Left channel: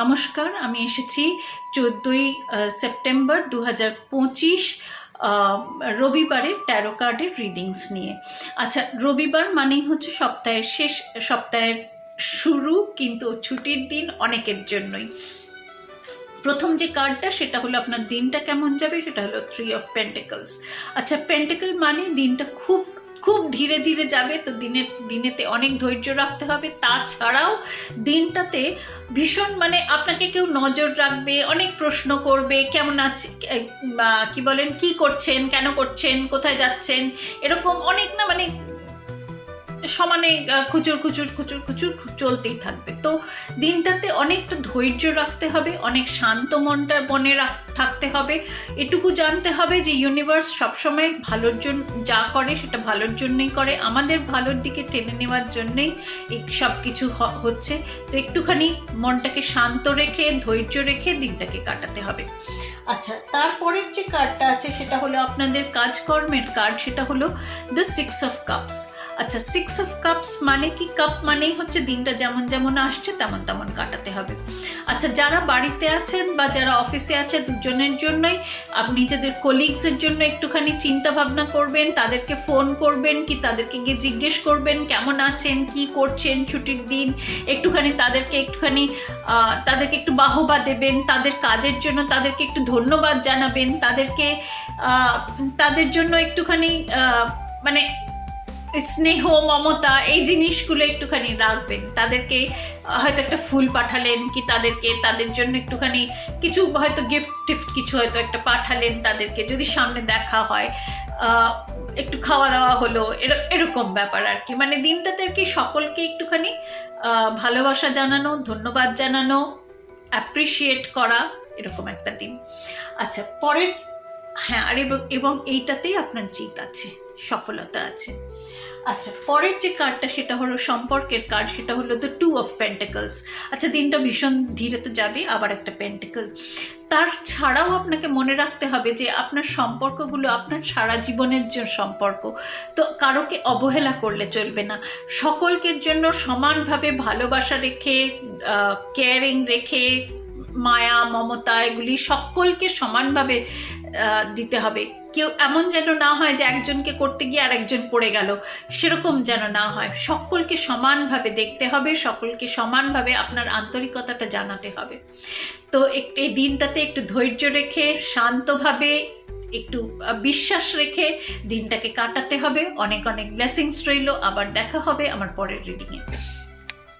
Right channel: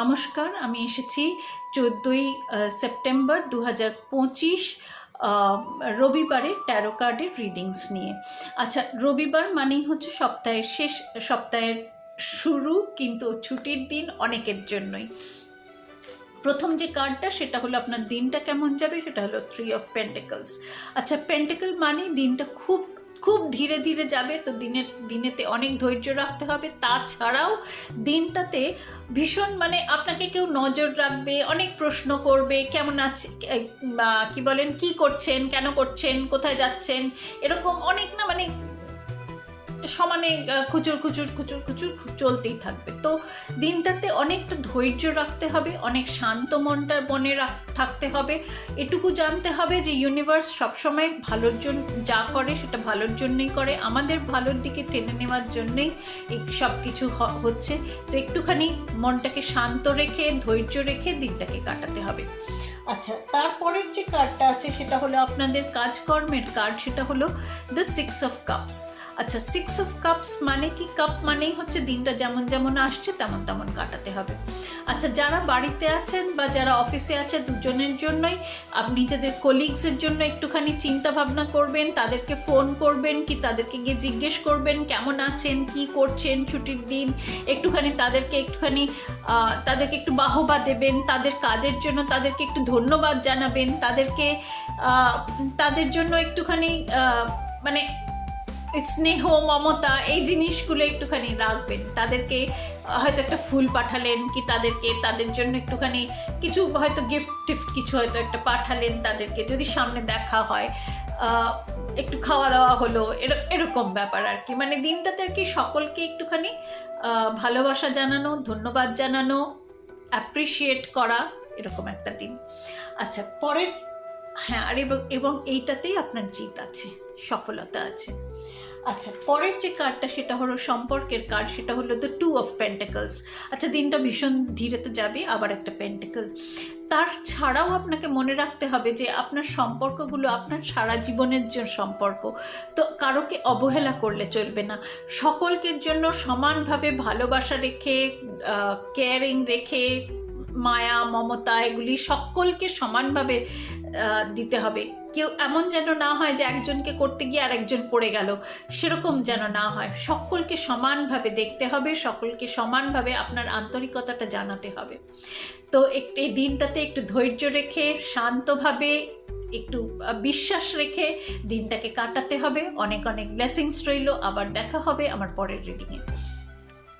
নমস্কার, আমি এসেছি 14ই সেপ্টেম্বর 2025 রবিবারের ট্যারো কার্ডের রিডিংস নিয়ে। আচ্ছা, রবিবার মানেই হচ্ছে সপ্তাহের শেষ, সপ্তাহের শুরু, কিন্তু ছুটির দিন অনেকের জন্যই। প্রথম যে কার্ডটা সেটা হলো আপনার দিনটা কেমন যাবে, সেটা হলো 3 অফ পেন্টিকলস। আচ্ছা, পেন্টিকল মানে দিনটা খুব খুব ধীরে ধীরে যাবে, তো দিনেতে অনেক ধৈর্য রাখতে হবে। তাছাড়াও দিনটাতে ভীষণ মানে আপনাকে কেউ নজর রাখবে, অনেক প্রশ্ন করবে, কেমন আছে বা কি বলেন, কি করছেন, কেন করছেন, কোথায় যাচ্ছেন, এরকম অনেক না মানে সমানে খুচুর খুচুর খুচুর খুচুর চলতেই থাকবে। তো দিনটাতে অনেকটা ধৈর্য রাখতে হবে, অনেক শান্ত মনটা মনে থাকতে হবে। এটুকু জানতে হবে যে ইউনিভার্স সবসময় ভালোর জন্য যা করে সেটা ভালোর জন্যই করে, আমাদের ভালোর দিকে টেনে নেওয়ার জন্যই এই সব কিছু হচ্ছে। তো একটুখানি মনটাকে শান্ত রেখে ধৈর্য রেখে দিনটাকে কাটাতে হবে। আচ্ছা, তারপরের যে কার্ডটা আছে সেটা হলো আপনাদের কাজকর্মের কার্ড, সেটা হলো দ্য 6 অফ কাপস। আচ্ছা, 6 অফ কাপস মানে কি? কাপ মানেই হচ্ছে দিনটা যেমন যেমন আসছে তেমন তেমন কাটাতে হবে। আচ্ছা, যারা বাড়িতে আছেন বা যারা অফিসে আছে, দুজনের জন্যই আপনি নিজেদের কলিগসের জন্য একটুখানি চিন্তা ভাবনা করবেন, তাদেরকে ফোন করবেন কি তাদেরকে গিয়ে জিজ্ঞেস করবেন কেমন আছেন, কি করছেন ছুটির দিন, একটুখানি তাদেরকে একটু বাহবা দেবেন, তাদের কাজের জন্য তাদেরকে একটু ধন্যবাদ জানাবেন, তাদের জন্য একটুখানি মানে স্নেহ মমতা এই জিনিসগুলো একটুখানি রাখবেন। তাদেরকে হয়তো একটা ফুল পাঠালেন, কি তাদের জন্য একটুখানি কিছু হয়তো গিফট কিছু হয়তো একটা পাঠালেন, তাদেরকে যদি সামনে দেখা হয়, একটু খাওয়া দাওয়া হলো, এরকম ব্যাপার আর কি। মানে দিনটাতে আর কি সকলকে একটুখানি ভালোবাসা জানানো, ধন্যবাদ জানানো, অ্যাপ্রিসিয়েট করা, এরকম একটা দিন। আচ্ছা, পরের হ্যাঁ, আর এবং এইটাতেই আপনার জিত আছে, সফলতা আছে। আচ্ছা, পরের যে কার্ডটা সেটা হলো সম্পর্কের কার্ড, সেটা হলো দ্য 2 অফ পেন্টিকলস। আচ্ছা, দিনটা ভীষণ ধীরে তো যাবে, আবার একটা পেন্টিকল। তার ছাড়াও আপনাকে মনে রাখতে হবে যে আপনার সম্পর্কগুলো আপনার সারা জীবনের যে সম্পর্ক, তো কারোকে অবহেলা করলে চলবে না। সকলকে জন্য সমানভাবে ভালোবাসা রেখে, কেয়ারিং রেখে, মায়া মমতা এগুলি সকলকে সমানভাবে দিতে হবে। কেউ এমন যেন না হয় যে একজনকে করতে গিয়ে আর একজন পড়ে গেল, সেরকম যেন না হয়। সকলকে সমানভাবে দেখতে হবে, সকলকে সমানভাবে আপনার আন্তরিকতাটা জানাতে হবে। তো এই দিনটাতে একটু ধৈর্য রেখে, শান্তভাবে, একটু বিশ্বাস রেখে দিনটাকে কাটাতে হবে। অনেক অনেক ব্লেসিংস রইল। আবার দেখা হবে আমার পরের রিডিংয়ে।